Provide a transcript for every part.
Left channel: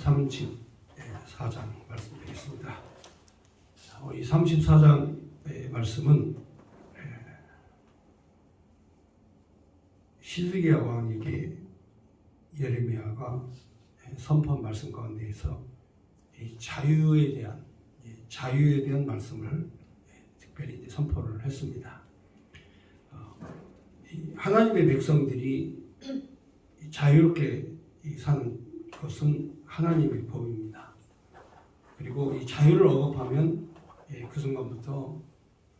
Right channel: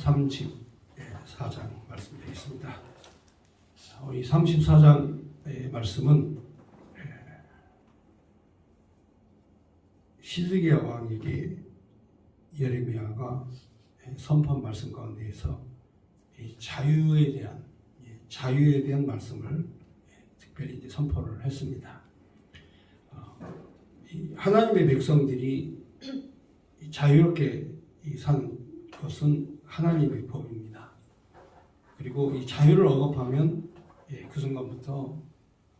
34장 말씀드리겠습니다. 이 34장의 말씀은 시드기야 왕에게 예레미야가 선포한 말씀 가운데에서 자유에 대한 말씀을 특별히 선포를 했습니다. 하나님의 백성들이 자유롭게 사는 것은 하나님의 법입니다. 그리고 이 자유를 억압하면 그 순간부터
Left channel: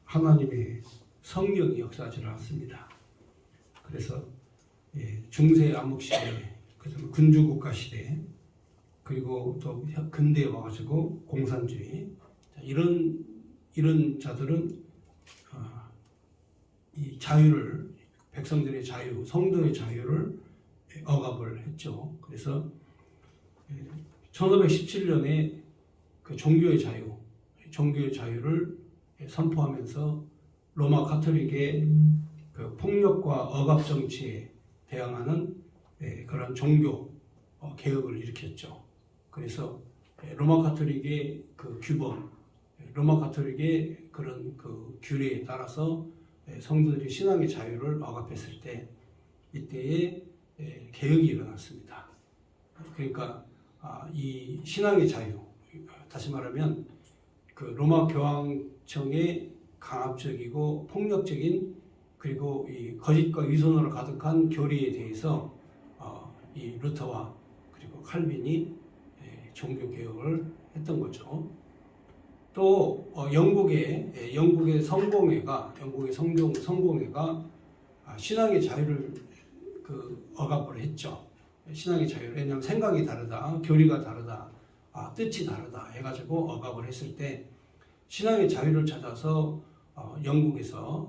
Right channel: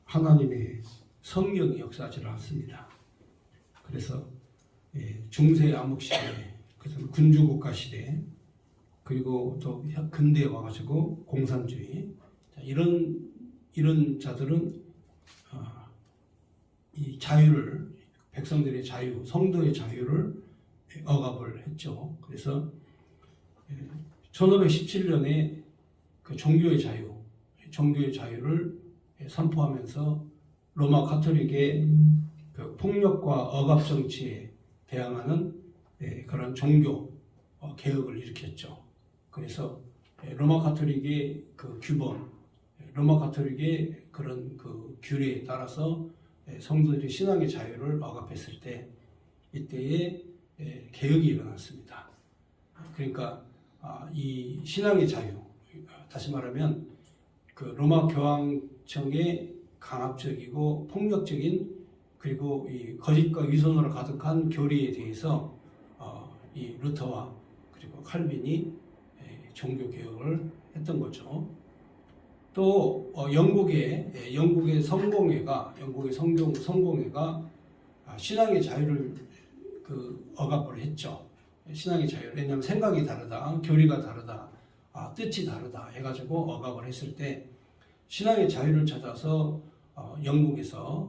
하나님의 성령이 역사하지 않습니다. 그래서 중세 암흑 시대, 그다음에 군주국가 시대, 그리고 또 근대에 와가지고 공산주의, 이런 자들은 이 자유를, 백성들의 자유, 성도의 자유를 억압을 했죠. 그래서 1517년에 그 종교의 자유를 선포하면서 로마 가톨릭의 그 폭력과 억압 정치에 대항하는 그런 종교 개혁을 일으켰죠. 그래서 로마 가톨릭의 그 규범, 로마 가톨릭의 그런 그 규례에 따라서 성도들이 신앙의 자유를 억압했을 때 이때에 개혁이 일어났습니다. 그러니까 이 신앙의 자유, 다시 말하면 그 로마 교황청의 강압적이고 폭력적인, 그리고 이 거짓과 위선으로 가득한 교리에 대해서 이 루터와 그리고 칼빈이 종교 개혁을 했던 거죠. 또 영국의 성공회가 신앙의 자유를 억압을 했죠. 신앙의 자유, 왜냐하면 생각이 다르다, 교리가 다르다, 뜻이 다르다 해가지고 억압을 했을 때 신앙의 자유를 찾아서 영국에서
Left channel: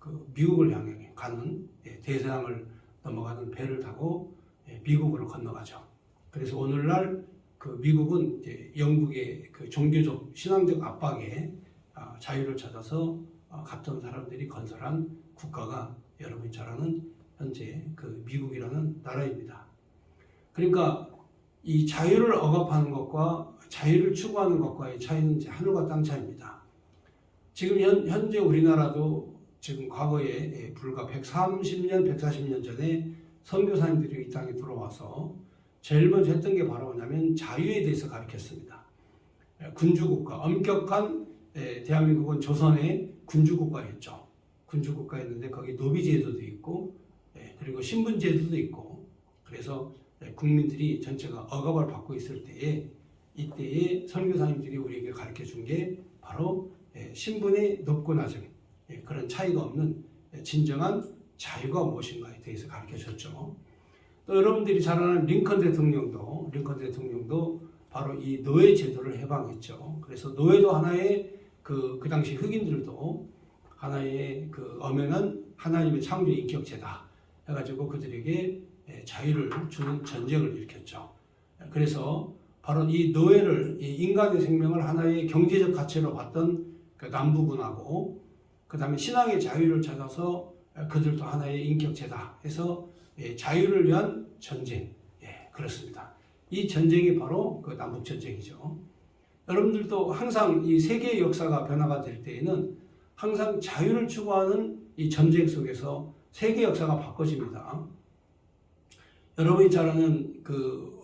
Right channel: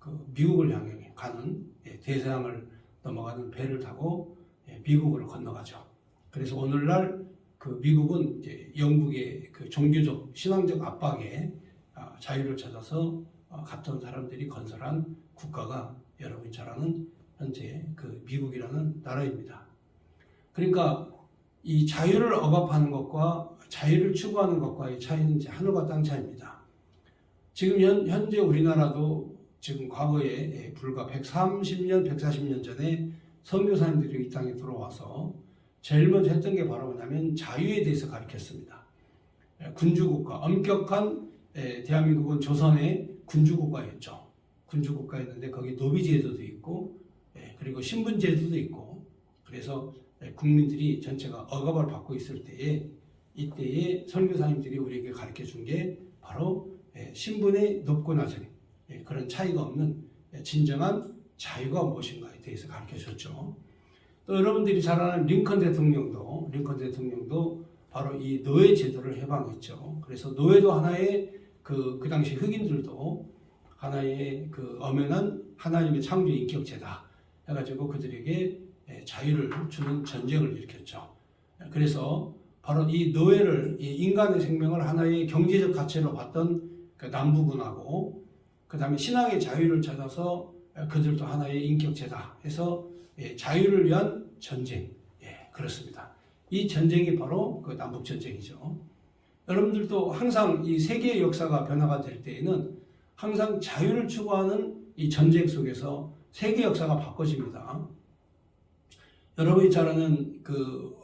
그 미국을 향해 가는 대서양을 넘어가는 배를 타고 미국으로 건너가죠. 그래서 오늘날 그 미국은 이제 영국의 그 종교적 신앙적 압박에 자유를 찾아서 갔던 사람들이 건설한 국가가 여러분이 잘 아는 현재 그 미국이라는 나라입니다. 그러니까 이 자유를 억압하는 것과 자유를 추구하는 것과의 차이는 이제 하늘과 땅 차이입니다. 지금 현재 우리나라도 지금 과거에 불과 130년, 140년 전에 선교사님들이 이 땅에 들어와서 제일 먼저 했던 게 바로 뭐냐면 자유에 대해서 가르쳤습니다. 군주국가, 엄격한 대한민국은 조선의 군주국가였죠. 군주국가였는데 거기 노비제도도 있고 그리고 신분제도도 있고, 그래서 국민들이 전체가 억압을 받고 있을 때에 이때에 선교사님들이 우리에게 가르쳐 준 게 바로 신분의 높고 낮음, 그런 차이가 없는 진정한 자유가 무엇인가에 대해서 가르쳐 줬죠. 또 여러분들이 잘 아는 링컨 대통령도 바로 이 노예 제도를 해방했죠. 그래서 노예도 하나의 그 당시 흑인들도 하나의 그 엄연한 하나님의 창조 인격체다 해가지고 그들에게 자유를 주는 전쟁을 일으켰죠. 그래서 바로 이 노예를, 이 인간의 생명을 하나의 경제적 가치로 봤던 그 남부군하고, 그 다음에 신앙의 자유를 찾아서 그들도 하나의 인격체다 해서 자유를 위한 전쟁, 그렇습니다. 이 전쟁이 바로 그 남북전쟁이죠. 여러분들도 항상 이 세계의 역사가 변화가 될 때에는 항상 자유를 추구하는 이 전쟁 속에서 세계 역사가 바꿔집니다. 여러분이 잘 아는 그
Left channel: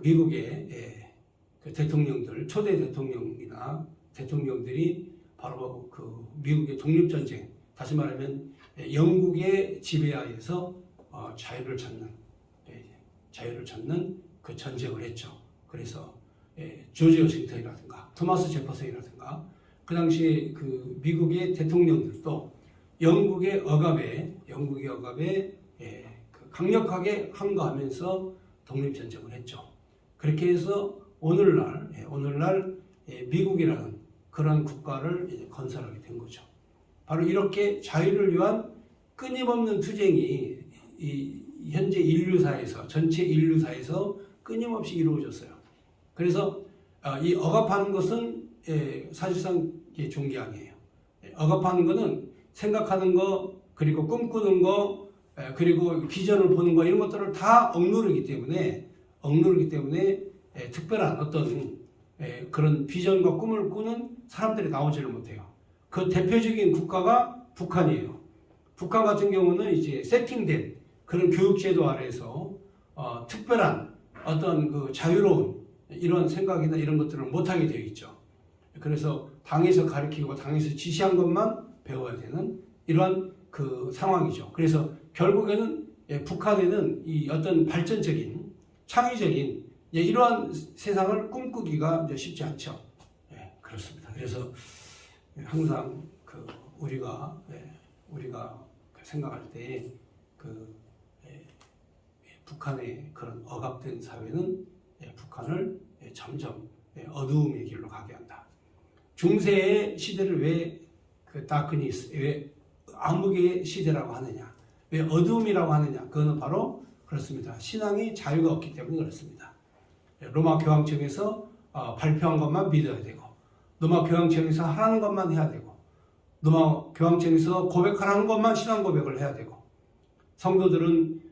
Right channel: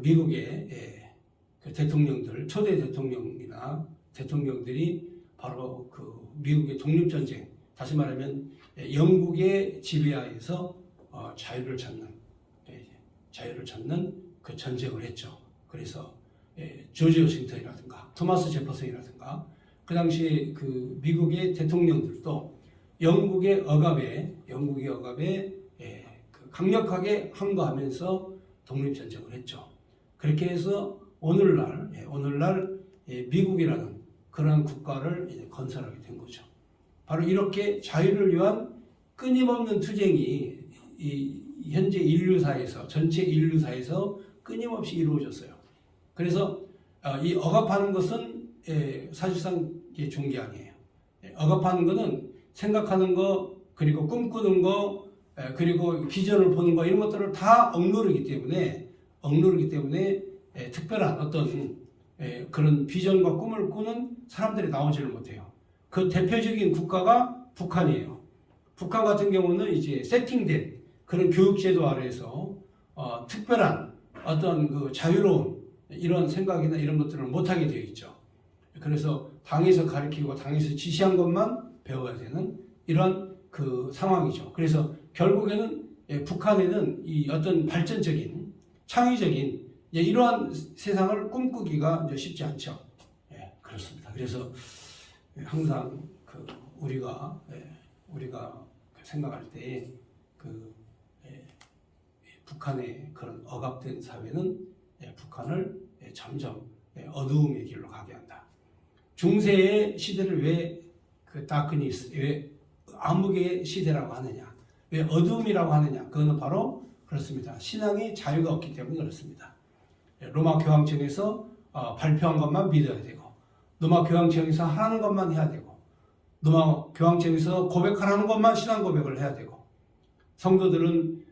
미국의 그 대통령들, 초대 대통령이나 대통령들이 바로 그 미국의 독립전쟁, 다시 말하면 영국의 지배하에서 자유를 찾는 그 전쟁을 했죠. 그래서 조지 워싱턴이라든가 토마스 제퍼슨이라든가 그 당시에 그 미국의 대통령들도 영국의 억압에 그 강력하게 항거하면서 독립전쟁을 했죠. 그렇게 해서 오늘날 미국이라는 그런 국가를 건설하게 된 거죠. 바로 이렇게 자유를 위한 끊임없는 투쟁이 이 현재 인류사에서, 전체 인류사에서 끊임없이 이루어졌어요. 그래서 이 억압하는 것은 사실상 종교 아니에요. 억압하는 것은 생각하는 거, 그리고 꿈꾸는 거, 그리고 비전을 보는 거 이런 것들을 다 억누르기 때문에 특별한 어떤 그런 비전과 꿈을 꾸는 사람들이 나오지를 못해요. 그 대표적인 국가가 북한이에요. 북한 같은 경우는 이제 세팅된 그런 교육제도 아래에서 특별한 어떤 그 자유로운 이런 생각이나 이런 것들을 못하게 되어 있죠. 그래서 당에서 가르치고 당에서 지시한 것만 배워야 되는 이러한 그 상황이죠. 그래서 결국에는 북한에는 이 어떤 발전적인 창의적인 이러한 세상을 꿈꾸기가 이제 쉽지 않죠. 그렇습니다. 그래서 항상 그 우리가 생각할 때 북한의 그런 억압된 사회는 북한을 점점 어두움의 길로 가게 한다. 중세의 시대를 왜 다크니스, 왜 암흑의 시대라고 하느냐, 왜 어두움이라고 하느냐, 그거는 바로 그렇습니다. 신앙의 자유가 없기 때문에 그렇습니다. 로마 교황청에서 발표한 것만 믿어야 되고, 로마 교황청에서 하라는 것만 해야 되고, 로마 교황청에서 고백하라는 것만 신앙 고백을 해야 되고, 성도들은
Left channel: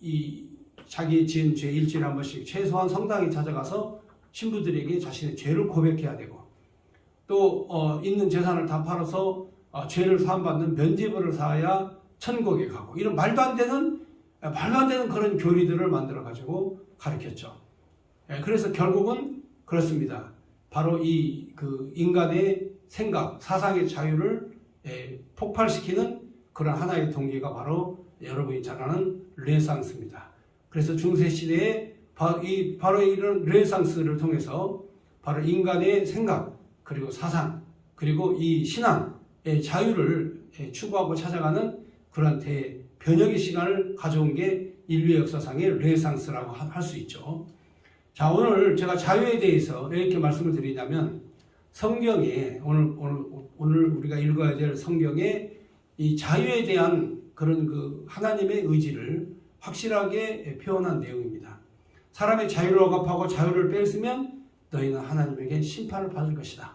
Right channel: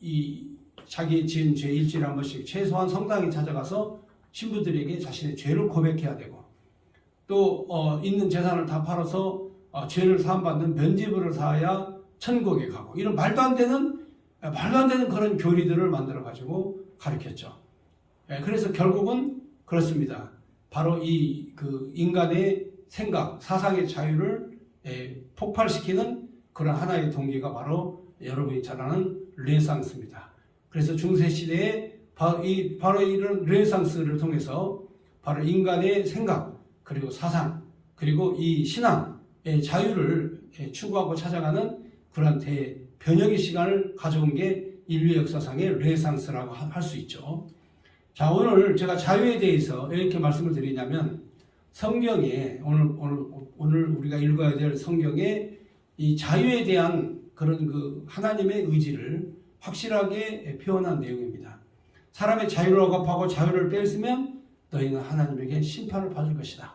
이 자기의 지은 죄 일주일에 한 번씩 최소한 성당에 찾아가서 신부들에게 자신의 죄를 고백해야 되고, 또 있는 재산을 다 팔아서 죄를 사함받는 면죄부를 사야 천국에 가고, 이런 말도 안 되는 그런 교리들을 만들어 가지고 가르쳤죠. 그래서 결국은 그렇습니다. 바로 그 인간의 생각, 사상의 자유를 폭발시키는 그런 하나의 동기가 바로 여러분이 잘 아는 르네상스입니다. 그래서 중세 시대에 바로 이런 르네상스를 통해서 바로 인간의 생각, 그리고 사상, 그리고 이 신앙의 자유를 추구하고 찾아가는 그러한 대변혁의 시간을 가져온 게 인류의 역사상의 르네상스라고 할 수 있죠. 자, 오늘 제가 자유에 대해서 이렇게 말씀을 드리냐면, 성경에 오늘 우리가 읽어야 될 성경에 이 자유에 대한 그런 그 하나님의 의지를 확실하게 표현한 내용입니다. 사람의 자유를 억압하고 자유를 뺏으면 너희는 하나님에게 심판을 받을 것이다.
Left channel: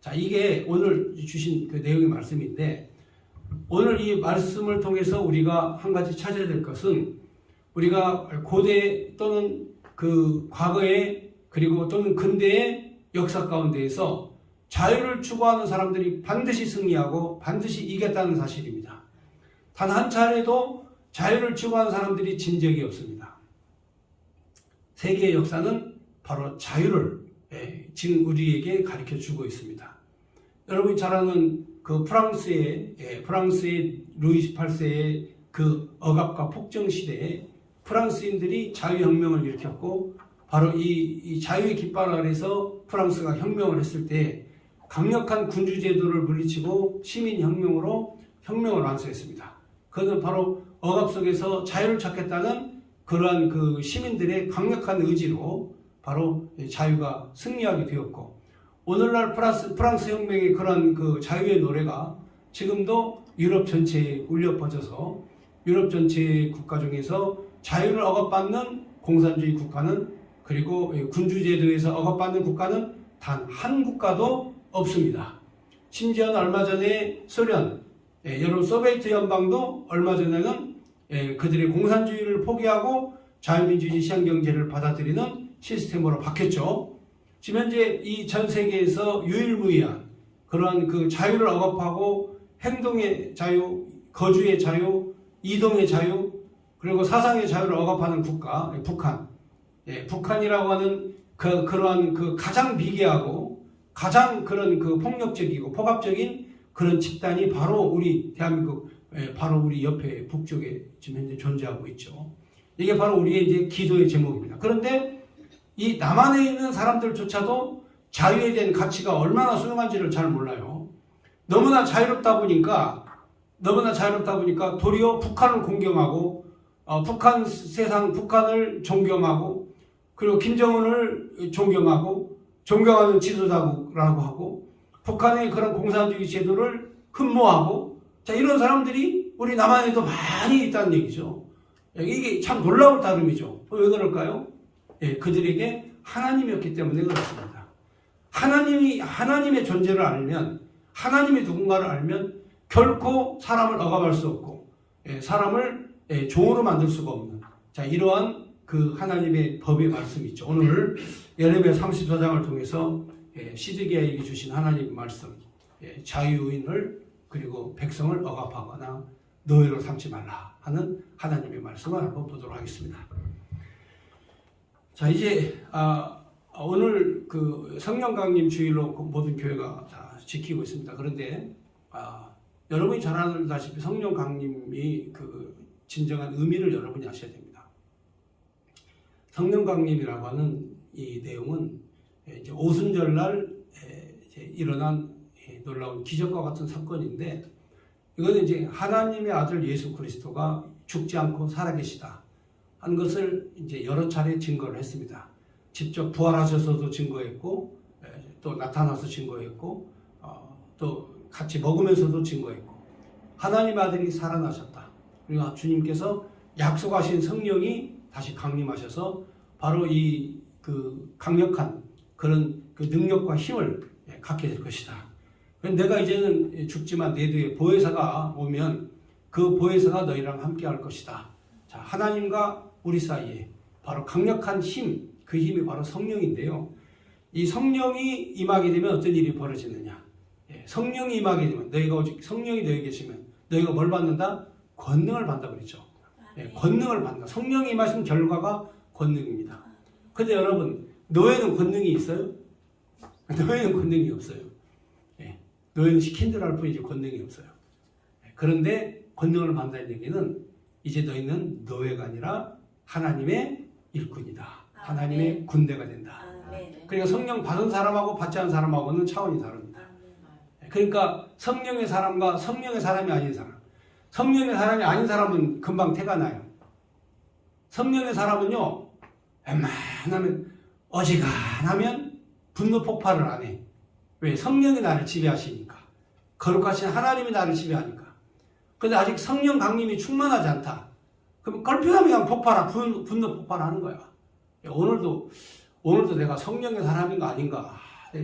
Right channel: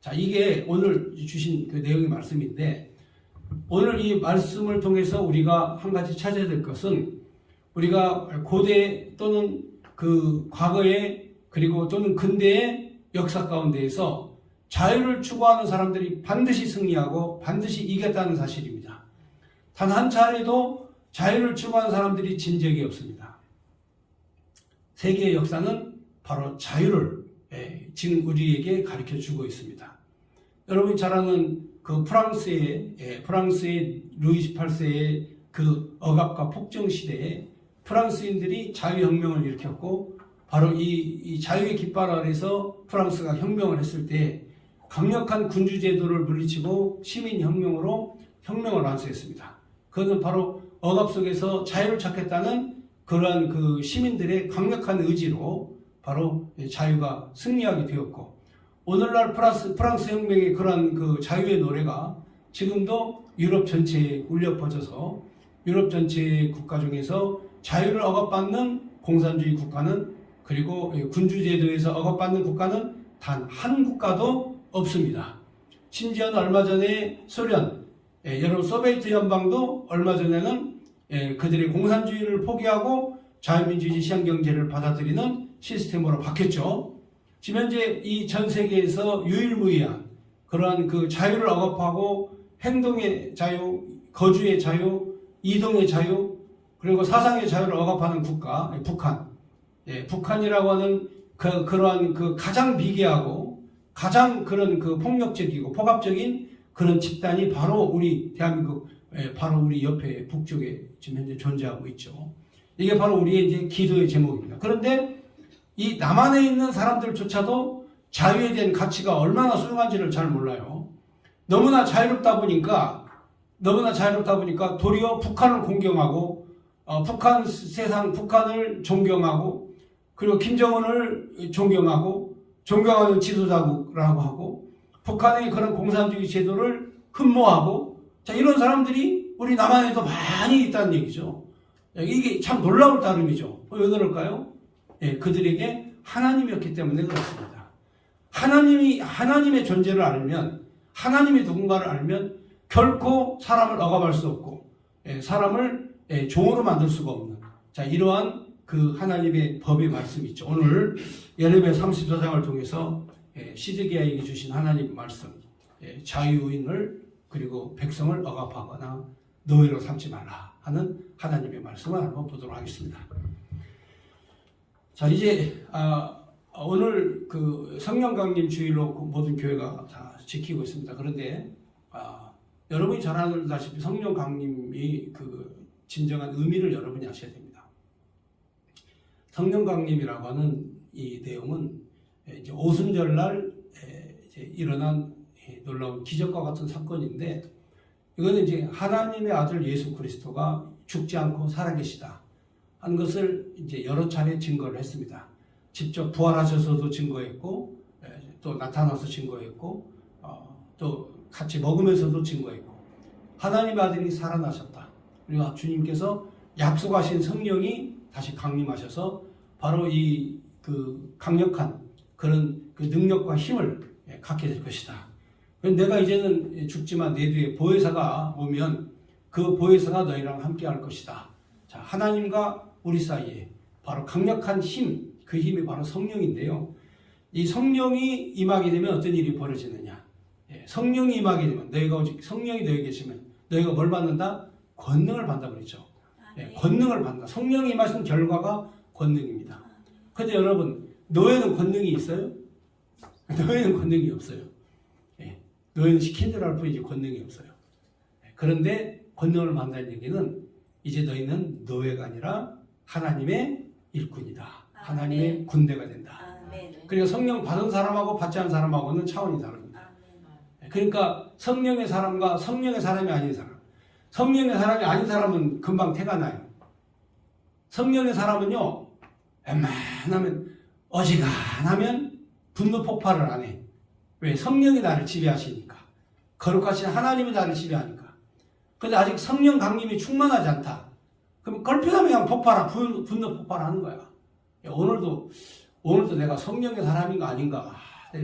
자, 이게 오늘 주신 그 내용의 말씀인데, 오늘 이 말씀을 통해서 우리가 한 가지 찾아야 될 것은, 우리가 고대 또는 그 과거에 그리고 또는 근대의 역사 가운데에서 자유를 추구하는 사람들이 반드시 승리하고 반드시 이겼다는 사실입니다. 단 한 차례도 자유를 추구하는 사람들이 진 적이 없습니다. 세계의 역사는 바로 자유를 지금 우리에게 가르쳐 주고 있습니다. 여러분이 잘 아는 그 프랑스의 루이 18세의 그 억압과 폭정 시대에 프랑스인들이 자유혁명을 일으켰고, 바로 이 자유의 깃발 아래서 프랑스가 혁명을 했을 때 강력한 군주제도를 물리치고 시민혁명으로 혁명을 완수했습니다. 그것은 바로 억압 속에서 자유를 찾겠다는 그러한 그 시민들의 강력한 의지로 바로 자유가 승리하게 되었고, 오늘날 프랑스 혁명의 그러한 그 자유의 노래가 지금도 유럽 전체에 울려 퍼져서 유럽 전체의 국가 중에서 자유를 억압받는 공산주의 국가는, 그리고 군주제도에서 억압받는 국가는 단 한 국가도 없습니다. 심지어는 얼마 전에 소련, 여러분 소비에트 연방도 얼마 전에는 그들의 공산주의를 포기하고 자유민주주의 시장경제를 받아들이는 시스템으로 바뀌었죠. 지금 현재 이 전 세계에서 유일무이한 그러한 그 자유를 억압하고 행동의 자유, 거주의 자유, 이동의 자유, 그리고 사상의 자유를 억압하는 국가, 북한. 북한이라고 하는 그러한 그 가장 미개하고 가장 그런 그 폭력적이고 폭압적인 그런 집단이 바로 우리 대한민국, 바로 우리 옆에 북쪽에 지금 현재 존재하고 있죠. 이게 바로 우리의 이제 기도의 제목입니다. 그런데 이 남한에 있는 사람들조차도 자유에 대한 가치가 얼마나 소중한지를 잘 몰라요. 너무나 자유롭다 보니까 도리어 북한을 공경하고 북한을 존경하고, 그리고 김정은을 존경하는 지도자라고 하고, 북한의 그런 공산주의 제도를 흠모하고, 자, 이런 사람들이 우리 남한에도 많이 있다는 얘기죠. 이게 참 놀라울 따름이죠. 왜 그럴까요? 그들에게 하나님이었기 때문에 그렇습니다. 하나님의 존재를 알면, 하나님의 누군가를 알면 결코 사람을 억압할 수 없고, 사람을 종으로 만들 수가 없는 자 이러한 그 하나님의 법의 말씀이 있죠. 오늘 예레미야 34장을 통해서 시드기야에게 주신 하나님의 말씀 자유인을 그리고 백성을 억압하거나 노예로 삼지 말라 하는 하나님의 말씀을 한번 보도록 하겠습니다. 자 이제 오늘 그 성령 강림 주일로 모든 교회가 다 지키고 있습니다. 그런데 여러분이 잘 알다시피 성령 강림이 그 진정한 의미를 여러분이 아셔야 됩니다. 성령 강림이라고 하는 이 내용은 이제 오순절날 일어난 놀라운 기적과 같은 사건인데 이거는 이제 하나님의 아들 예수 그리스도가 죽지 않고 살아계시다 하는 것을 이제 여러 차례 증거를 했습니다. 직접 부활하셔서도 증거했고 또 나타나서 증거했고 또 같이 먹으면서도 증거했고 하나님의 아들이 살아나셨다. 그리고 주님께서 약속하신 성령이 다시 강림하셔서 바로 이 그 강력한 그런 그 능력과 힘을 갖게 될 것이다. 내가 이제는 죽지만 내 뒤에 보혜사가 오면 그 보혜사가 너희랑 함께 할 것이다. 자, 하나님과 우리 사이에 바로 강력한 힘, 그 힘이 바로 성령인데요. 이 성령이 임하게 되면 어떤 일이 벌어지느냐? 성령이 임하게 되면 너희가 오직 성령이 너희 계시면 너희가 뭘 받는다? 권능을 받는다 그랬죠. 권능을 받는다. 성령이 임하신 결과가 권능입니다. 그런데 여러분 노예는 권능이 있어요? 노예는 권능이 없어요. 노예는 시킨 대로 할 뿐이지 권능이 없어요. 그런데 권능을 받는다는 얘기는 이제 너희는 노예가 아니라 하나님의 일꾼이다. 하나님의 군대가 된다. 그러니까 성령 받은 사람하고 받지 않은 사람하고는 차원이 다릅니다. 그러니까 성령의 사람과 성령의 사람이 아닌 사람. 성령의 사람이 아닌 사람은 금방 태가 나요. 성령의 사람은요. 웬만하면 어지간하면 분노 폭발을 안 해. 왜? 성령이 나를 지배하시니까. 거룩하신 하나님이 나를 지배하니까. 근데 아직 성령 강림이 충만하지 않다. 그럼 걸핏하면 그냥 분노 폭발하는 거야. 오늘도 내가 성령의 사람인가 아닌가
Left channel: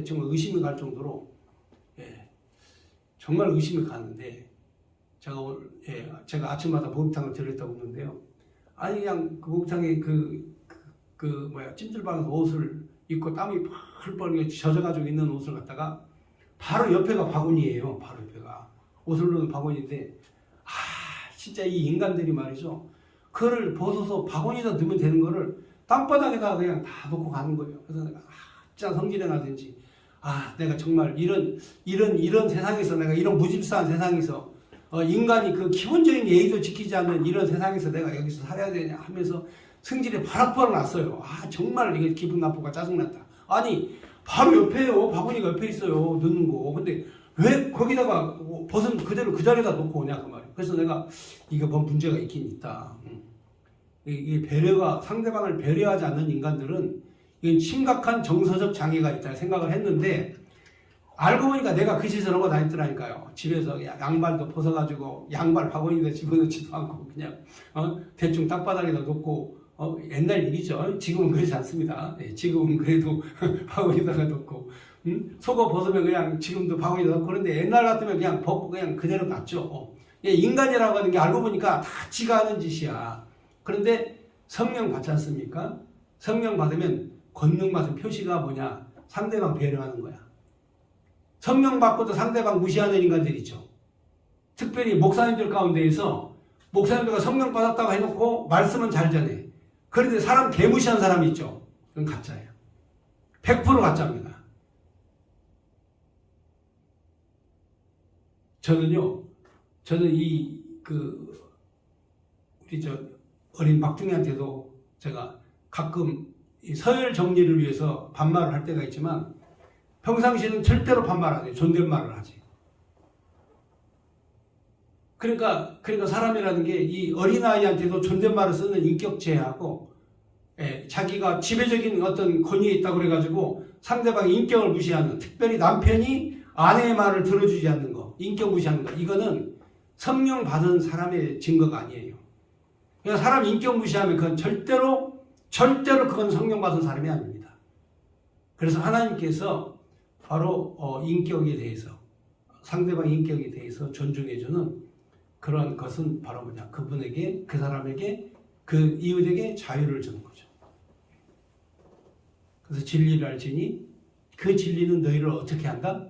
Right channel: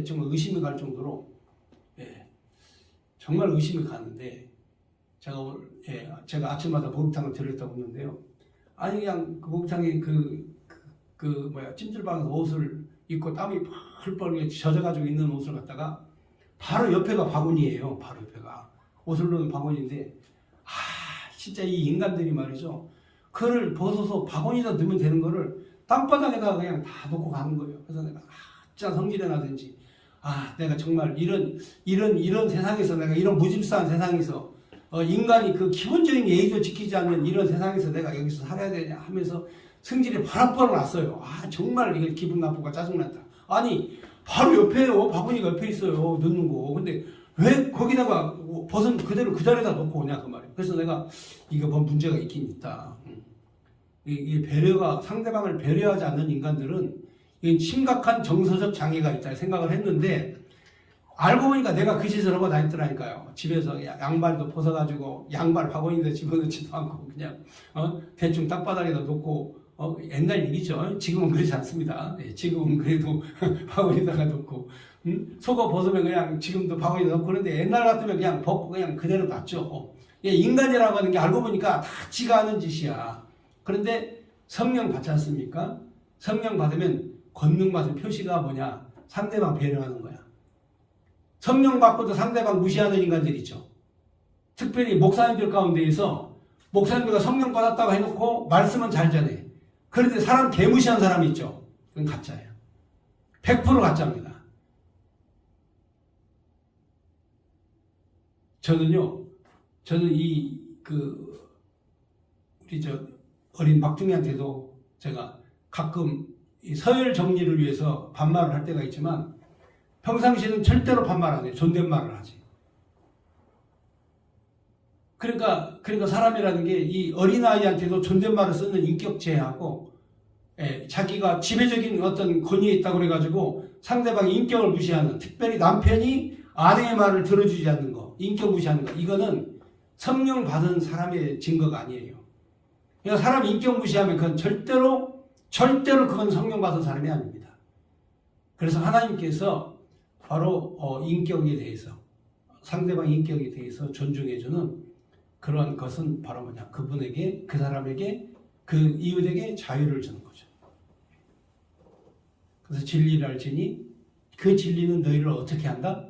정말 의심이 갈 정도로 정말 의심이 가는데 제가 아침마다 목욕탕을 들렸다고 했는데요. 아니 그냥 그 목욕탕에 찜질방에서 옷을 입고 땀이 펄펄 젖어가지고 있는 옷을 갖다가 바로 옆에가 바구니예요. 바로 옆에가 옷을 넣는 바구니인데 진짜 이 인간들이 말이죠. 그걸 벗어서 바구니에다 넣으면 되는 거를 땅바닥에다가 그냥 다 놓고 가는 거예요. 그래서 내가 진짜 성질이 나든지 내가 정말 이런 세상에서 내가 이런 무질서한 세상에서 인간이 그 기본적인 예의도 지키지 않는 이런 세상에서 내가 여기서 살아야 되냐 하면서 성질이 바락바락 났어요. 정말 이게 기분 나쁘고 짜증난다. 아니 바로 옆에요. 바구니가 옆에 있어요. 넣는 거. 근데 왜 거기다가 벗은 그대로 그 자리에다 놓고 오냐 그 말이에요. 그래서 내가 이거 뭐 문제가 있긴 있다. 이 배려가 상대방을 배려하지 않는 인간들은 이건 심각한 정서적 장애가 있다 생각을 했는데 알고 보니까 내가 그 짓을 하고 다녔더라니까요. 집에서 양발도 벗어가지고 양발 바구니에다 집어넣지도 않고 그냥 대충 땅바닥에다 놓고 옛날 일이죠. 지금은 그렇지 않습니다. 지금은 그래도 바구니에다가 놓고 속옷 벗으면 그냥 지금도 바구니에다 놓고 그런데 옛날 같으면 그냥 벗고 그냥 그대로 놨죠. 인간이라고 하는 게 알고 보니까 다 지가 하는 짓이야. 그런데 성령 받지 않습니까? 성령 받으면 권능 받은 표시가 뭐냐? 상대방 배려하는 거야. 성령 받고도 상대방 무시하는 인간들 있죠. 특별히 목사님들 가운데에서 목사님들과 성령 받았다고 해놓고 말씀은 잘 전해. 그런데 사람 개무시한 사람이 있죠. 그건 가짜예요. 100% 가짜입니다. 저는 우리 어린 막둥이한테도 제가 가끔 이 서열 정리를 위해서 반말을 할 때가 있지만 평상시에는 절대로 반말 안 해요. 존댓말을 하지. 그러니까 사람이라는 게 이 어린아이한테도 존댓말을 쓰는 인격체하고 자기가 지배적인 어떤 권위에 있다고 그래가지고 상대방의 인격을 무시하는 특별히 남편이 아내의 말을 들어주지 않는 거 인격 무시하는 거 이거는 성령 받은 사람의 증거가 아니에요. 그러니까 사람 인격 무시하면 그건 절대로 그건 성령 받은 사람이 아닙니다. 그래서 하나님께서 바로 인격에 대해서 상대방 인격에 대해서 존중해주는 그런 것은 바로 뭐냐? 그분에게, 그 사람에게, 그 이웃에게 자유를 주는 거죠. 그래서 진리를 알지니 그 진리는 너희를 어떻게 한다?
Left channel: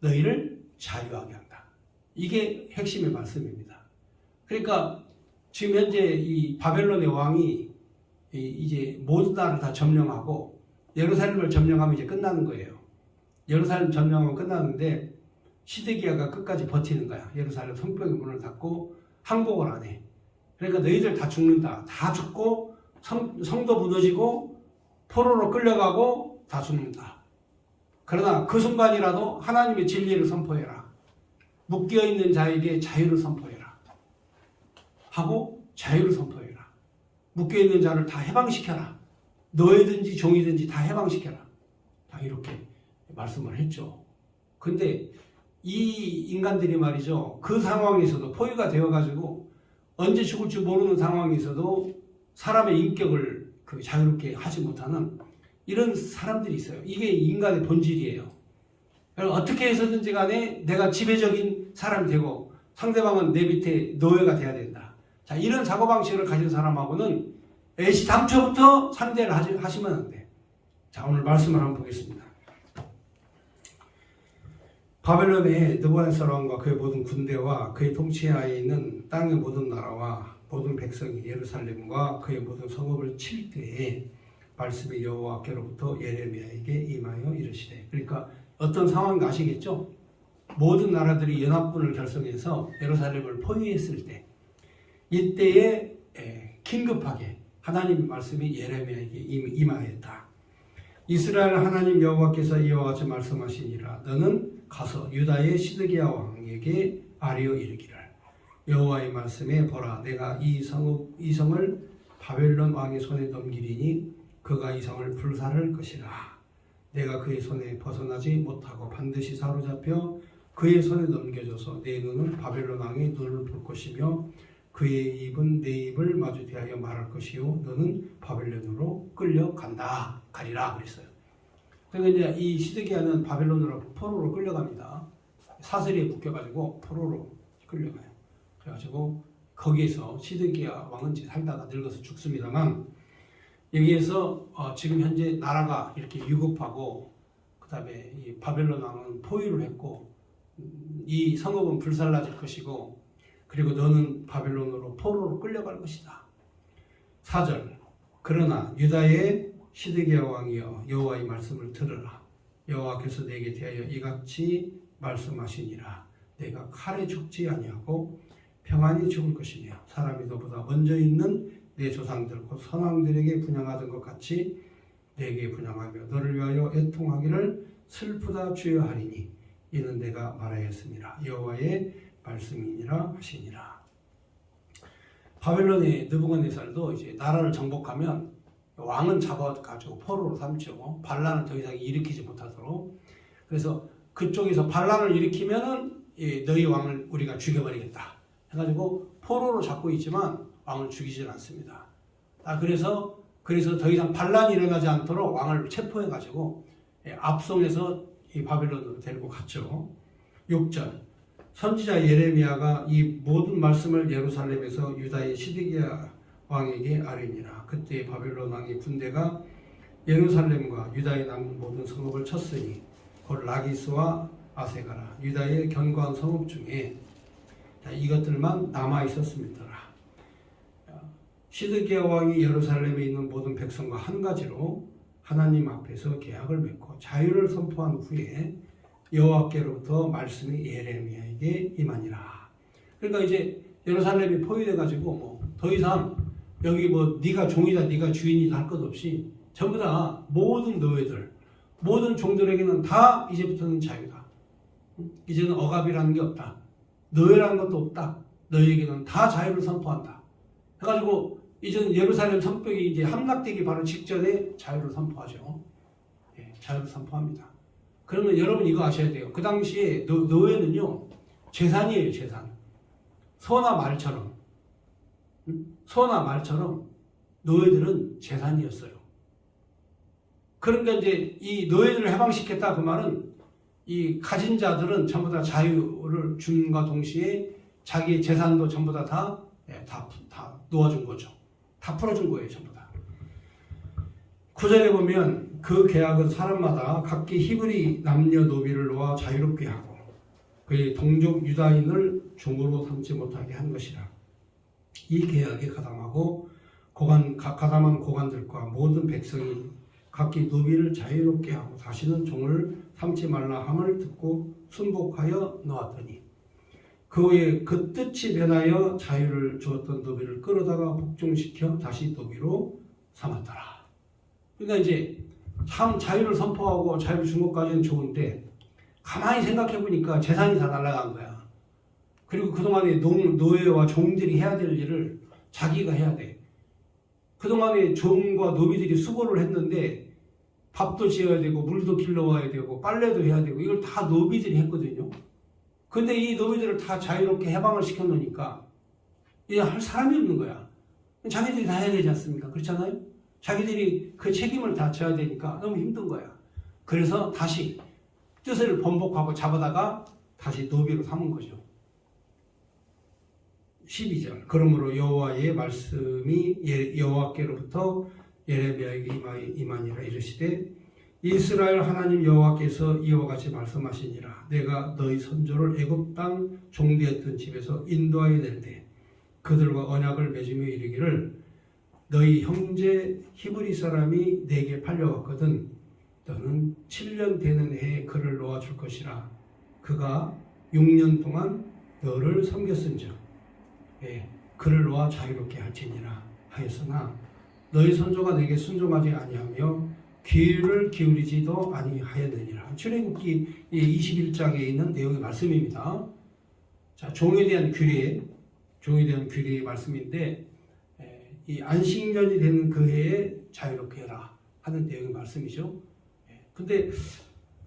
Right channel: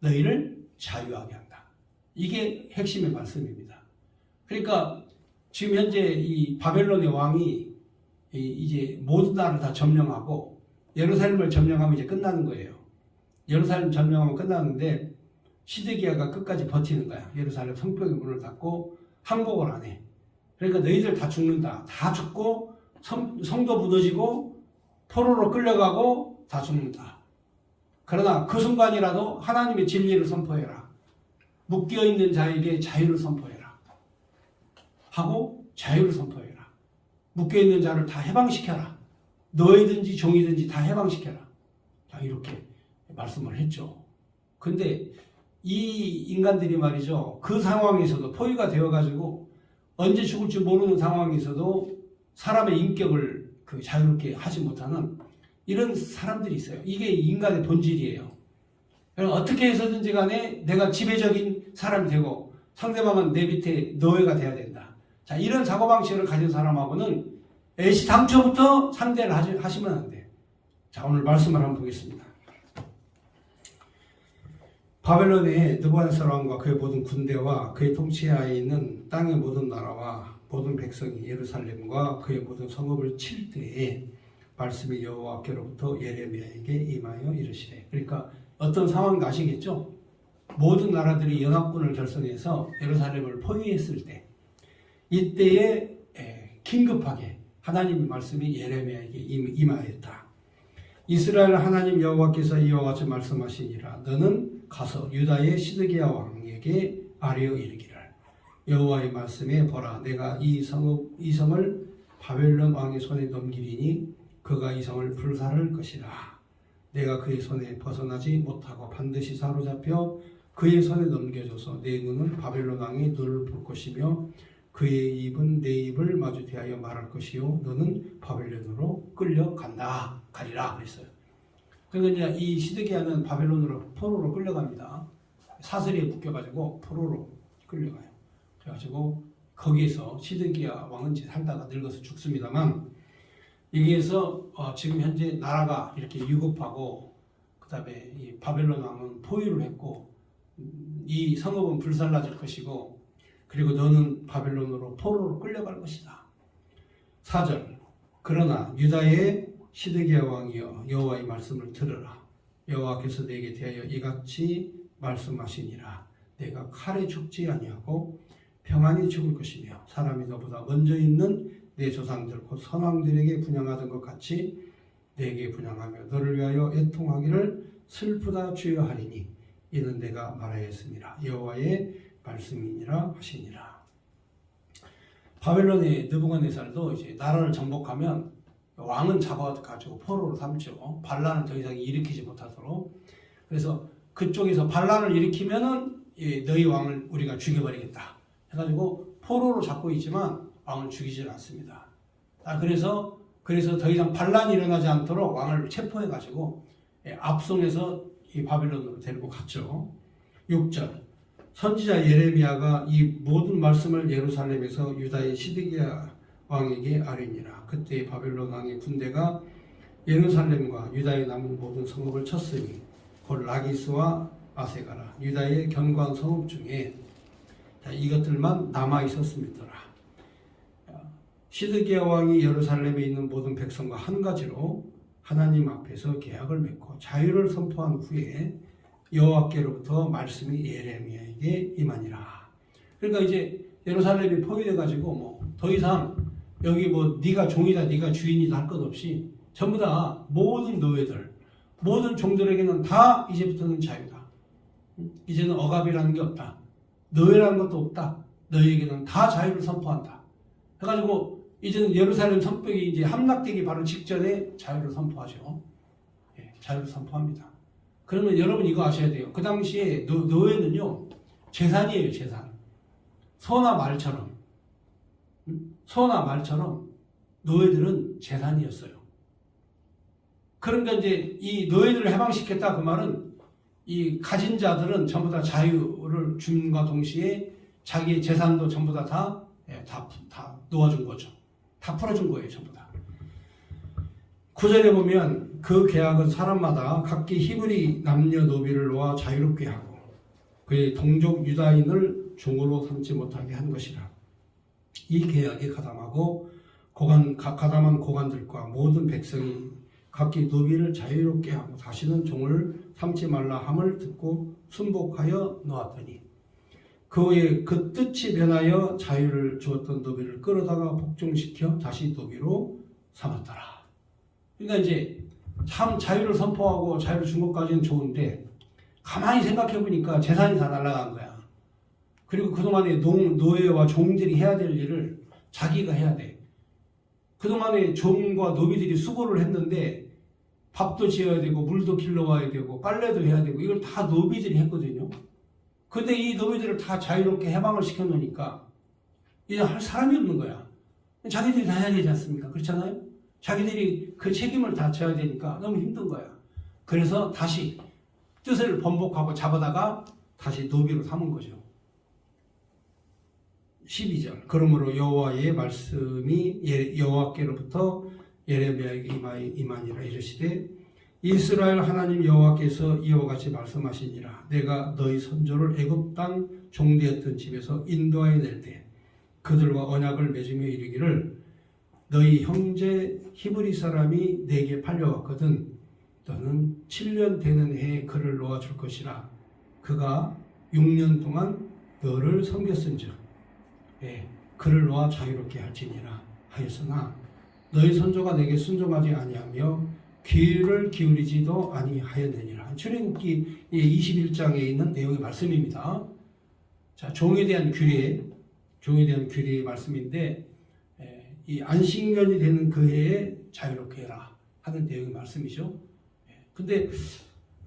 너희를 자유하게 한다. 이게 핵심의 말씀입니다. 그러니까 지금 현재 이 바벨론의 왕이 이제 모든 나라를 다 점령하고 예루살렘을 점령하면 이제 끝나는 거예요. 예루살렘 점령하면 끝나는데 시드기야가 끝까지 버티는 거야. 예루살렘 성벽의 문을 닫고 항복을 안 해. 그러니까 너희들 다 죽는다. 다 죽고 성도 무너지고 포로로 끌려가고 다 죽는다. 그러나 그 순간이라도 하나님의 진리를 선포해라. 묶여있는 자에게 자유를 선포해라. 하고 자유를 선포해라. 묶여있는 자를 다 해방시켜라. 노예든지 종이든지 다 해방시켜라. 자, 이렇게 말씀을 했죠. 근데 이 인간들이 말이죠. 그 상황에서도 포위가 되어가지고 언제 죽을지 모르는 상황에서도 사람의 인격을 자유롭게 하지 못하는 이런 사람들이 있어요. 이게 인간의 본질이에요. 어떻게 해서든지 간에 내가 지배적인 사람이 되고 상대방은 내 밑에 노예가 돼야 된다. 자, 이런 사고방식을 가진 사람하고는 애시당초부터 상대를 하시면 안 돼. 자, 오늘 말씀을 한번 보겠습니다. 바벨론의 느부갓네살 왕과 그의 모든 군대와 그의 통치하에 있는 땅의 모든 나라와 모든 백성이 예루살렘과 그의 모든 성읍을 칠 때에 말씀이 여호와께로부터 예레미야에게 임하여 이르시되. 그러니까 어떤 상황인가 아시겠죠? 모든 나라들이 연합군을 결성해서 예루살렘을 포위했을 때 이때에 긴급하게 하나님의 말씀이 예레미야에게 임하였다. 이스라엘 하나님 여호와께서 이와 같이 말씀하시니라. 너는 가서 유다의 시드기야 왕에게 아뢰어 이르기를 여호와의 말씀에 보라 내가 이 성을 바벨론 왕의 손에 넘기리니 그가 이 성을 불살할 것이라. 내가 그의 손에 벗어나지 못하고 반드시 사로잡혀 그의 손에 넘겨줘서 내 눈은 바벨론 왕의 눈을 볼 것이며 그의 입은 내 입을 마주 대하여 말할 것이요 너는 바벨론으로 끌려간다 가리라 그랬어요. 그러니까 이제 이 시드기야는 바벨론으로 포로로 끌려갑니다. 사슬이에 묶여가지고 포로로 끌려가요. 그래가지고 거기에서 시드기야 왕은 살다가 늙어서 죽습니다만 여기에서 지금 현재 나라가 이렇게 위급하고 그 다음에 이 바벨론 왕은 포위를 했고 이 성읍은 불살라질 것이고 그리고 너는 바벨론으로 포로로 끌려갈 것이다. 4절 그러나 유다의 시드기야 왕이여 여호와의 말씀을 들으라. 여호와께서 내게 대하여 이같이 말씀하시니라. 내가 칼에 죽지 아니하고 평안히 죽을 것이며 사람이 너보다 먼저 있는 내 조상들 곧 선왕들에게 분향하던 것 같이 내게 분향하며 너를 위하여 애통하기를 슬프다 주여 하리니 이는 내가 말하였습니다. 여호와의 말씀이니라 하시니라. 바벨론의 느부갓네살도 이제 나라를 정복하면 왕은 잡아가지고 포로로 삼죠. 반란을 더 이상 일으키지 못하도록. 그래서 그쪽에서 반란을 일으키면은 너희 왕을 우리가 죽여버리겠다 해가지고 포로로 잡고 있지만 왕을 죽이질 않습니다. 그래서 더 이상 반란이 일어나지 않도록 왕을 체포해가지고 압송해서 이 바벨론으로 데리고 갔죠. 6절 선지자 예레미야가 이 모든 말씀을 예루살렘에서 유다의 시드기야 왕에게 아뢰니라. 그때 바벨론 왕의 군대가 예루살렘과 유다의 남은 모든 성읍을 쳤으니 곧 라기스와 아세가라 유다의 견고한 성읍 중에 이것들만 남아 있었습니다. 시드기야 왕이 예루살렘에 있는 모든 백성과 한 가지로 하나님 앞에서 계약을 맺고 자유를 선포한 후에 여호와께로부터 말씀이 예레미야에게 임하니라. 그러니까 이제 예루살렘이 포위돼 가지고 뭐 더 이상 여기 뭐 네가 종이다 네가 주인이다 할 것 없이 전부 다 모든 노예들 모든 종들에게는 다 이제부터는 자유다. 이제는 억압이라는 게 없다. 노예라는 것도 없다. 너희에게는 다 자유를 선포한다. 해가지고 이제는 예루살렘 성벽이 이제 함락되기 바로 직전에 자유를 선포하죠. 자유를 선포합니다. 그러면 여러분 이거 아셔야 돼요. 그 당시에 노예는요 재산이에요. 재산. 소나 말처럼 노예들은 재산이었어요. 그러니까 이제 이 노예들을 해방시켰다 그 말은 이 가진 자들은 전부 다 자유를 줌과 동시에 자기 재산도 전부 다 놓아준 거죠. 다 풀어준 거예요, 전부 다. 9절에 보면 그 계약은 사람마다 각기 히브리 남녀노비를 놓아 자유롭게 하고 그의 동족 유다인을 종으로 삼지 못하게 한 것이라. 이 계약에 가담한 고관들과 모든 백성이 각기 노비를 자유롭게 하고 다시는 종을 삼지 말라 함을 듣고 순복하여 놓았더니 그 후에 그 뜻이 변하여 자유를 주었던 노비를 끌어다가 복종시켜 다시 노비로 삼았더라. 그러니까 이제 참 자유를 선포하고 자유를 준 것까지는 좋은데 가만히 생각해 보니까 재산이 다 날아간 거야. 그리고 그동안에 노예와 종들이 해야 될 일을 자기가 해야 돼. 그동안에 종과 노비들이 수고를 했는데 밥도 지어야 되고 물도 길러와야 되고 빨래도 해야 되고 이걸 다 노비들이 했거든요. 근데 이 노비들을 다 자유롭게 해방을 시켜놓으니까 이제 할 사람이 없는 거야. 자기들이 다 해야 되지 않습니까? 그렇잖아요? 자기들이 그 책임을 다 져야 되니까 너무 힘든 거야. 그래서 다시 뜻을 번복하고 잡아다가 다시 노비로 삼은 거죠. 12절 그러므로 여호와의 말씀이 여호와께로부터 예레미야에게 임하니라. 이르시되 이스라엘 하나님 여호와께서 이와 같이 말씀하시니라. 내가 너희 선조를 애굽 땅 종되었던 집에서 인도하여 낼 때 그들과 언약을 맺으며 이르기를 너희 형제 히브리 사람이 내게 팔려왔거든 너는 7년 되는 해에 그를 놓아줄 것이라. 그가 6년 동안 너를 섬겼은즉 그를 놓아 자유롭게 할지니라 하였으나 너희 선조가 내게 순종하지 아니하며 귀를 기울이지도 아니하였느니라. 출애굽기 21장에 있는 내용의 말씀입니다. 자, 종에 대한 규례의 말씀인데 이 안식년이 되는 그 해에 자유롭게 해라 하는 내용의 말씀이죠. 근데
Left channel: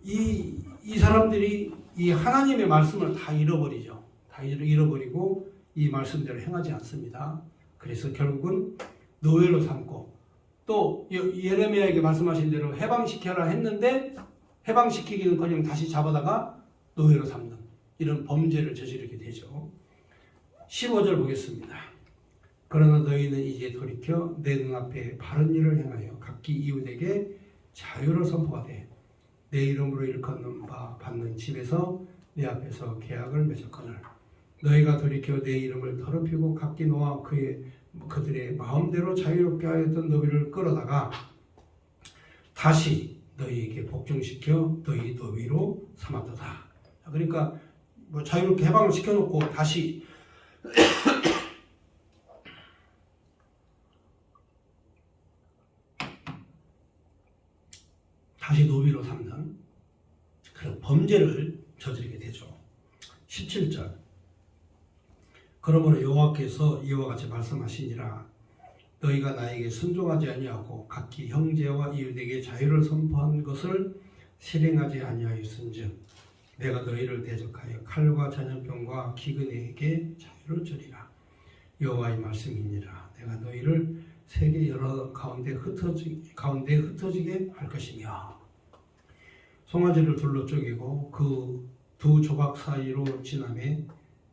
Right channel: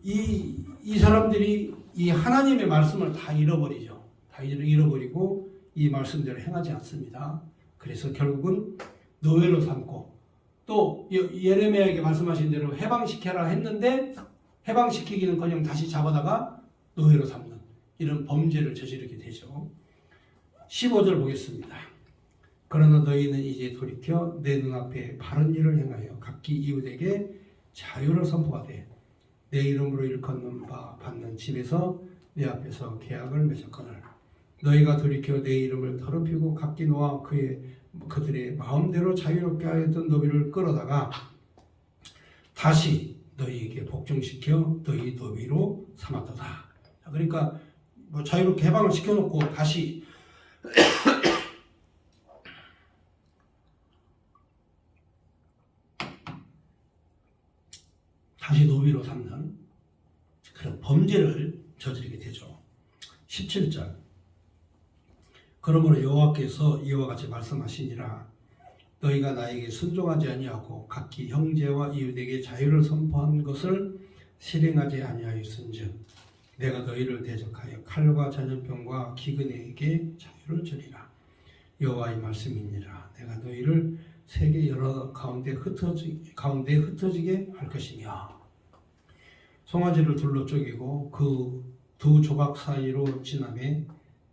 이 사람들이 이 하나님의 말씀을 다 잃어버리죠. 다 잃어버리고 이 말씀대로 행하지 않습니다. 그래서 결국은 노예로 삼고 또 예레미야에게 말씀하신 대로 해방시켜라 했는데 해방시키기는커녕 다시 잡아다가 노예로 삼는 이런 범죄를 저지르게 되죠. 15절 보겠습니다. 그러나 너희는 이제 돌이켜 내 눈앞에 바른 일을 행하여 각기 이웃에게 자유를 선포하되 내 이름으로 일컫는 바 받는 집에서 내 앞에서 계약을 맺었거늘 너희가 돌이켜 내 이름을 더럽히고 각기 놓아 그들의 마음대로 자유롭게 하였던 노비를 끌어다가 다시 너희에게 복종시켜 너희 노비로 삼았도다. 그러니까 뭐 자유롭게 해방을 시켜놓고 다시 노비로 삼는 그런 범죄를 저지르게 되죠. 17절 그러므로 여호와께서 이와 같이 말씀하시니라. 너희가 나에게 순종하지 아니하고 각기 형제와 이웃에게 자유를 선포한 것을 실행하지 아니하였은즉 내가 너희를 대적하여 칼과 전염병과 기근에게 자유를 주리라. 여호와의 말씀이니라. 내가 너희를 세계 여러 가운데 흩어지게 할 것이며 송아지를 둘러 쪼개고 그 두 조각 사이로 지나매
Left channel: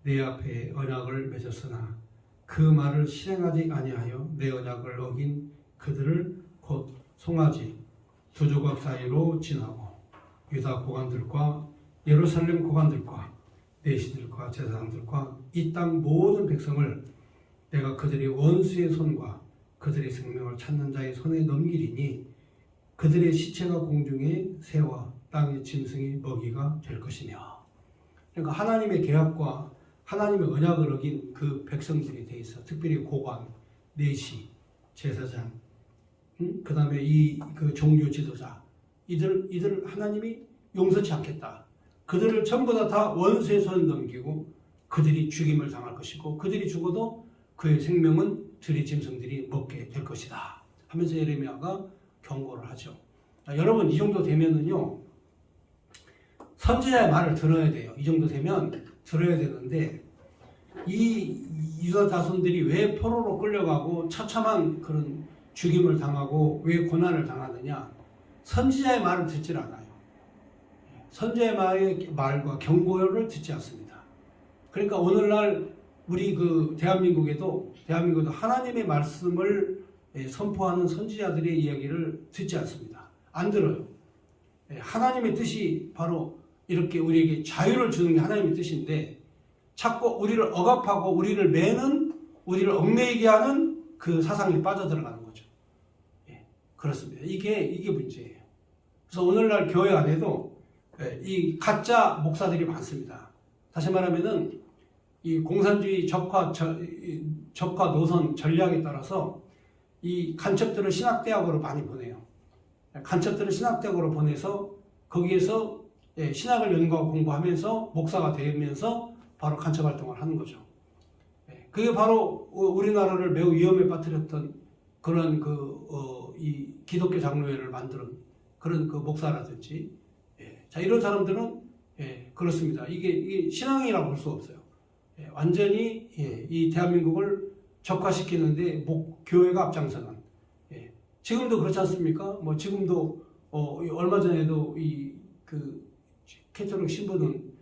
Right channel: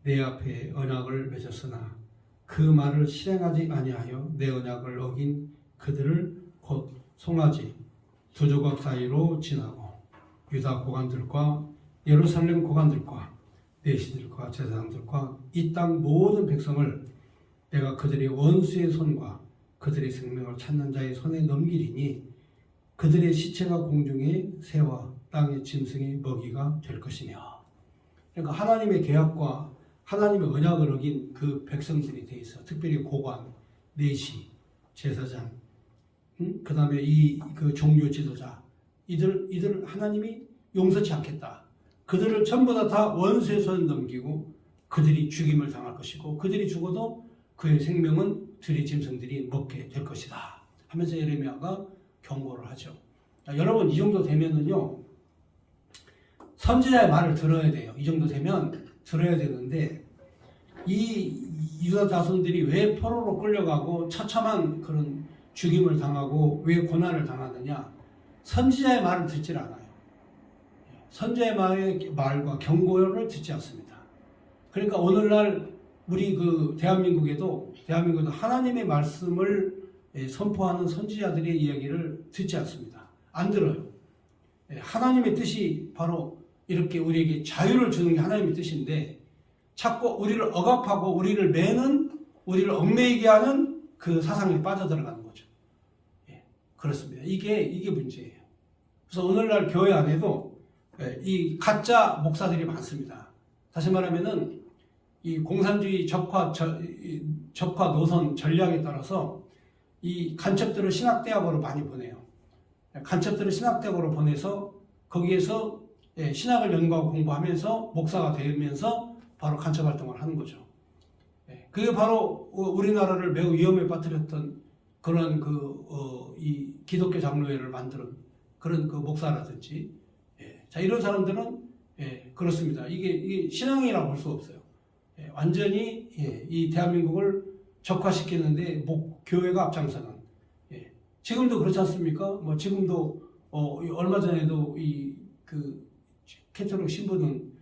내 앞에 언약을 맺었으나 그 말을 실행하지 아니하여 내 언약을 어긴 그들을 곧 송아지 두 조각 사이로 지나고 유다 고관들과 예루살렘 고관들과 내시들과 제사장들과 이 땅 모든 백성을 내가 그들의 원수의 손과 그들의 생명을 찾는 자의 손에 넘기리니 그들의 시체가 공중의 새와 땅의 짐승의 먹이가 될 것이며. 그러니까 하나님의 계약과 하나님의 언약을 어긴 그 백성들이 돼 있어. 특별히 고관, 내시, 제사장, 그 다음에 그 종교 지도자, 이들 하나님이 용서치 않겠다. 그들을 전부 다 원수의 손에 넘기고 그들이 죽임을 당할 것이고 그들이 죽어도 그의 생명은 들의 짐승들이 먹게 될 것이다 하면서 예레미야가 경고를 하죠. 여러분 이 정도 되면은요 선지자의 말을 들어야 돼요. 이 정도 되면 들어야 되는데 이 유다 자손들이 왜 포로로 끌려가고 처참한 그런 죽임을 당하고 왜 고난을 당하느냐? 선지자의 말을 듣질 않아요. 선지자의 말과 경고를 듣지 않습니다. 그러니까 오늘날 우리 그 대한민국에도 하나님의 말씀을 선포하는 선지자들의 이야기를 듣지 않습니다. 안 들어요. 하나님의 뜻이 바로 이렇게 우리에게 자유를 주는 게 하나님의 뜻인데 자꾸 우리를 억압하고 우리를 매는, 우리를 얽매이게 하는 그 사상에 빠져들어가는 거죠. 그렇습니다. 이게 문제예요. 그래서 오늘날 교회 안에도 이 가짜 목사들이 많습니다. 다시 말하면은 이 공산주의 적화 노선 전략에 따라서 이 간첩들을 신학대학으로 많이 보내요. 간첩들을 신학대학으로 보내서 거기에서 신학을 연구하고 공부하면서 목사가 되면서 바로 간첩 활동을 하는 거죠. 그게 바로 우리나라를 매우 위험에 빠뜨렸던 그런 이 기독교 장로회를 만드는 그런 그 목사라든지, 자 이런 사람들은 그렇습니다. 이게 신앙이라고 볼 수 없어요. 완전히 이 대한민국을 적화시키는데 교회가 앞장서는. 지금도 그렇지 않습니까? 뭐 지금도 얼마 전에도 그 캐톨릭 신부는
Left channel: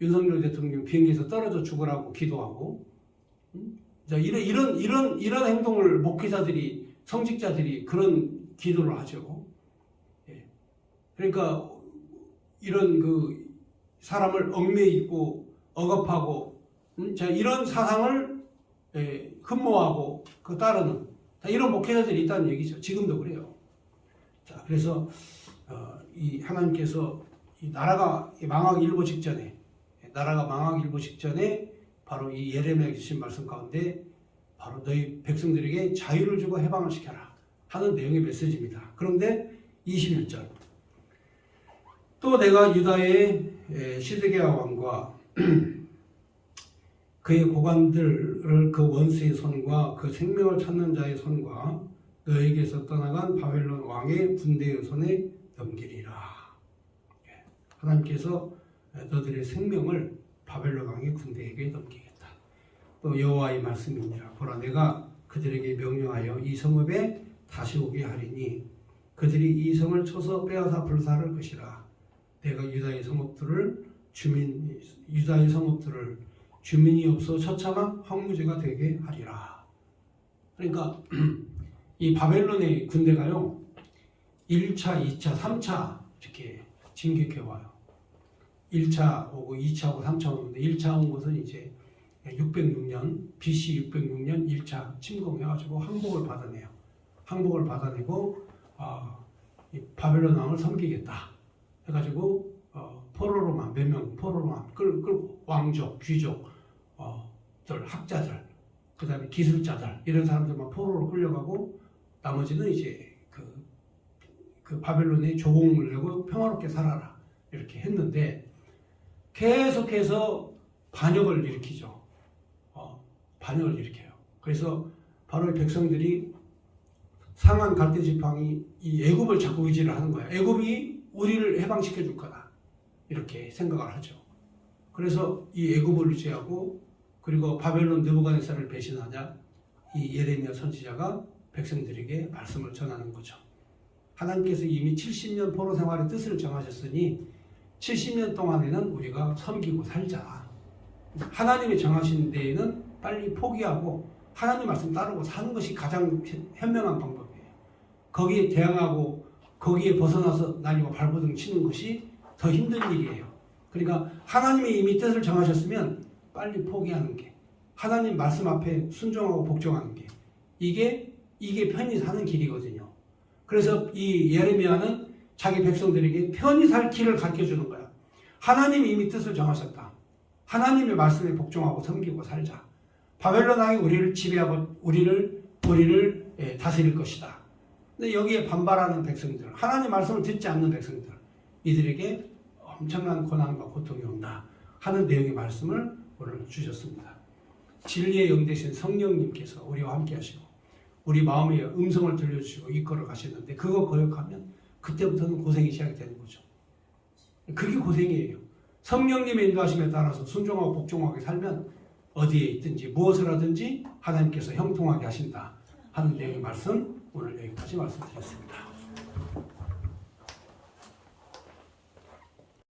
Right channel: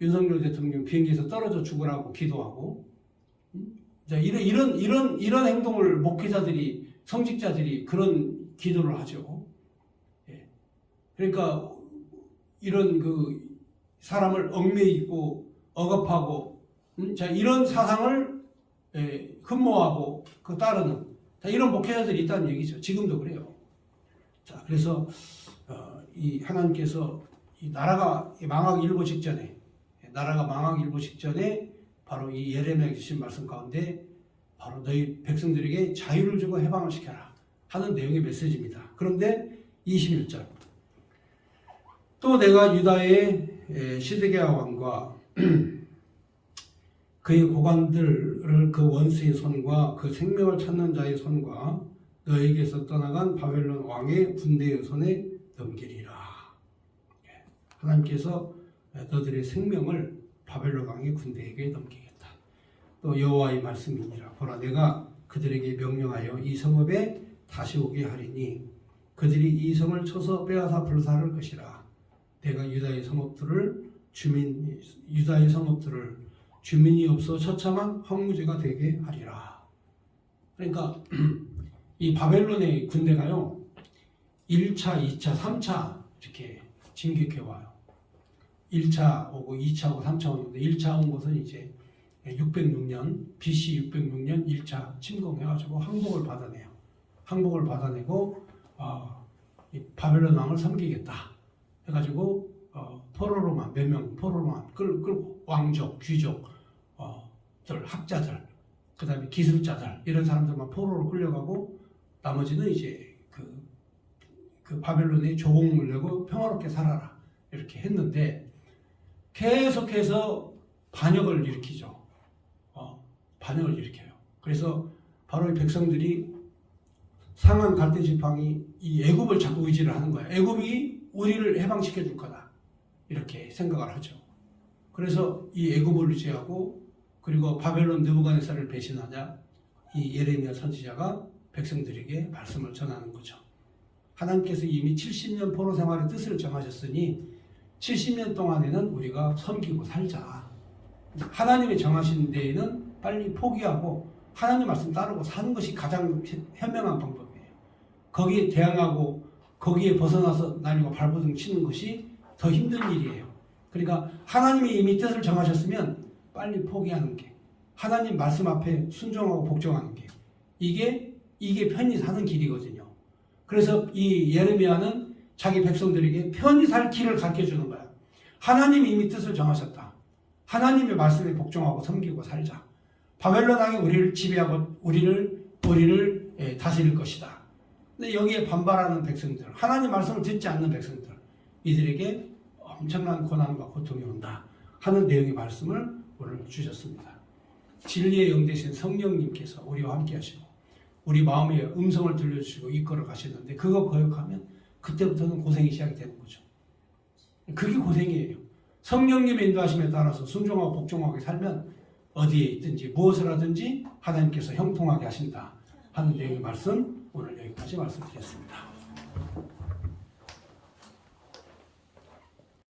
윤석열 대통령 비행기에서 떨어져 죽으라고 기도하고, 자 이런 행동을 목회자들이, 성직자들이 그런 기도를 하죠. 그러니까 이런 그 사람을 얽매이고 억압하고, 자 이런 사상을 흠모하고 그 따르는, 자, 이런 목회자들이 있다는 얘기죠. 지금도 그래요. 자 그래서 이 하나님께서 이 나라가 망하기 일보 직전에, 바로 이 예레미야에 주신 말씀 가운데 바로 너희 백성들에게 자유를 주고 해방을 시켜라 하는 내용의 메시지입니다. 그런데 21절, 또 내가 유다의 시드기야 왕과 그의 고관들을 그 원수의 손과 그 생명을 찾는 자의 손과 너에게서 떠나간 바벨론 왕의 군대의 손에 넘기리라. 하나님께서 너들의 생명을 바벨론 왕의 군대에게 넘기겠다. 또 여호와의 말씀이니라. 보라, 내가 그들에게 명령하여 이 성읍에 다시 오게 하리니 그들이 이 성을 쳐서 빼앗아 불사를 것이라. 내가 유다의 성읍들을 주민이 없어 처참한 황무지가 되게 하리라. 그러니까 이 바벨론의 군대가요 1차, 2차, 3차 이렇게 진격해 와요. 1차 오고 2차 오고 3차 오는데 1차 온 것은 이제 606년 BC 606년 1차 침공해가지고 항복을 받아내요. 항복을 받아내고 이 바벨론 왕을 섬기겠다 해가지고 포로로만 몇 명 포로로만 끌고 왕족, 귀족, 학자들, 그 다음에 기술자들 이런 사람들만 포로로 끌려가고 나머지는 이제 그 바벨론의 조공을 내고 평화롭게 살아라 이렇게 했는데 계속해서 반역을 일으키죠. 반역을 일으켜요. 그래서 바로 이 백성들이 상한 갈대 지팡이 이 애굽을 자꾸 의지를 하는 거야. 애굽이 우리를 해방시켜 줄 거다 이렇게 생각을 하죠. 그래서 이 애굽을 의지하고 그리고 바벨론 느부갓네살을 배신하자 이 예레미야 선지자가 백성들에게 말씀을 전하는 거죠. 하나님께서 이미 70년 포로 생활의 뜻을 정하셨으니 70년 동안에는 우리가 섬기고 살자. 하나님이 정하신 데에는 빨리 포기하고 하나님 말씀 따르고 사는 것이 가장 현명한 방법이에요. 거기에 대항하고 거기에 벗어나서 날리고 발버둥 치는 것이 더 힘든 일이에요. 그러니까 하나님이 이미 뜻을 정하셨으면 빨리 포기하는 게, 하나님 말씀 앞에 순종하고 복종하는 게 이게 편히 사는 길이거든요. 그래서 이 예레미야는 자기 백성들에게 편히 살 길을 가르쳐 주는 거야. 하나님이 이미 뜻을 정하셨다. 하나님의 말씀에 복종하고 섬기고 살자. 바벨론 왕이 우리를 지배하고 우리를 다스릴 것이다. 근데 여기에 반발하는 백성들, 하나님 말씀을 듣지 않는 백성들, 이들에게 엄청난 고난과 고통이 온다 하는 내용의 말씀을 오늘 주셨습니다. 진리의 영 되신 성령님께서 우리와 함께 하시고 우리 마음의 음성을 들려주시고 이끌어 가시는데 그거 거역하면 그때부터는 고생이 시작이 되는 거죠. 그게 고생이에요. 성령님의 인도하심에 따라서 순종하고 복종하게 살면 어디에 있든지 무엇을 하든지 하나님께서 형통하게 하신다 하는 내용의 말씀 오늘 여기까지 말씀드렸습니다.